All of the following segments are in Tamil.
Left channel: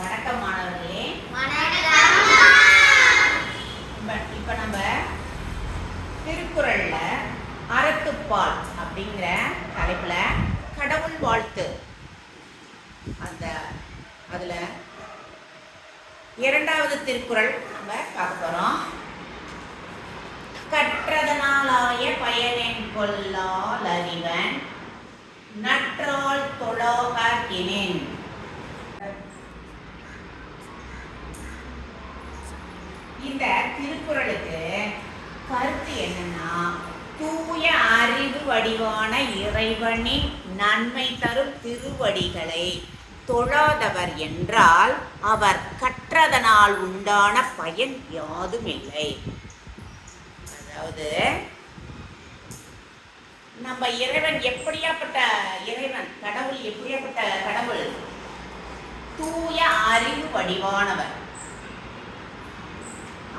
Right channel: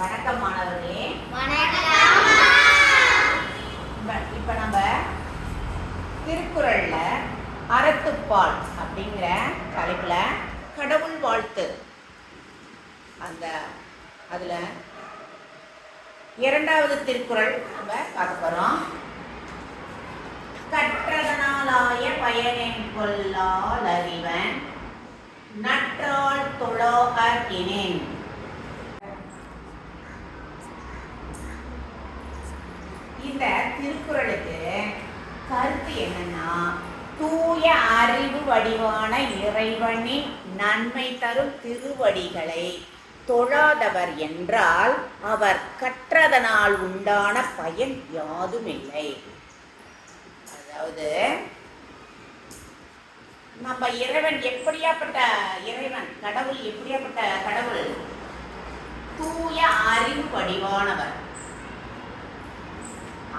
வணக்கம் மாணவர்களே. இப்ப நம்ம திருக்குறள்ல அறத்துப்பால் அப்படிங்கிற தலைப்புல கடவுள் வாழ்த்து அதுல இரண்டாவது திருக்குறள் நம்ம பார்க்க போறோம். கற்றதனாலாய பயனென் கொல்லால் அறிவன் நற்றால் தொழாகினேன். இந்த திருக்குறளுக்கு கருத்து என்னன்னா, தூய அறிவு வடிவான இறைவனின் நன்மை தரும் திருவடிகளை தொழாதவர் என்றால் அவர் கற்றதனால் உண்டான பயன் யாதுமில்லை. அதாவது நம்ம இறைவன் எப்படியாப்பட்ட இறைவன், கடவுள் எப்படியாப்பட்ட கடவுள்? தூய அறிவு வடிவானவர்.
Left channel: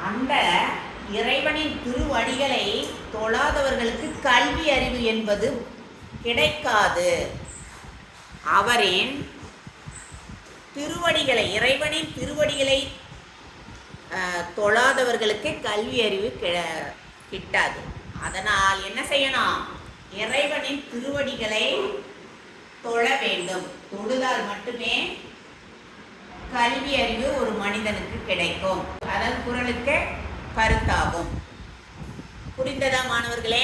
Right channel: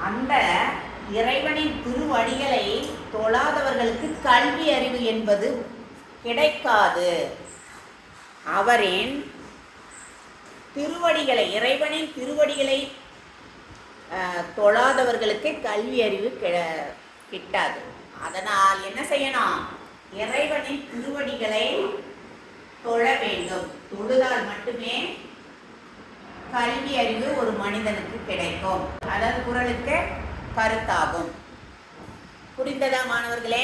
அந்த இறைவனின் திருவடிகளை தொழாதவர்களுக்கு கல்வி அறிவு என்பது கிடைக்காது. அவரின் திருவடிகளை, இறைவனின் திருவடிகளை தொழாதவர்களுக்கு கல்வி அறிவு கிட்டாது. அதனால் என்ன செய்யணும்? இறைவனின் திருவடிகளை தொழ வேண்டும். தொழுதால் மட்டுமே கல்வி அறிவு ஒரு மனிதனுக்கு கிடைக்கும். அதாவது குறளுக்கு கருத்தாகும். புரிந்ததா மாணவர்களே?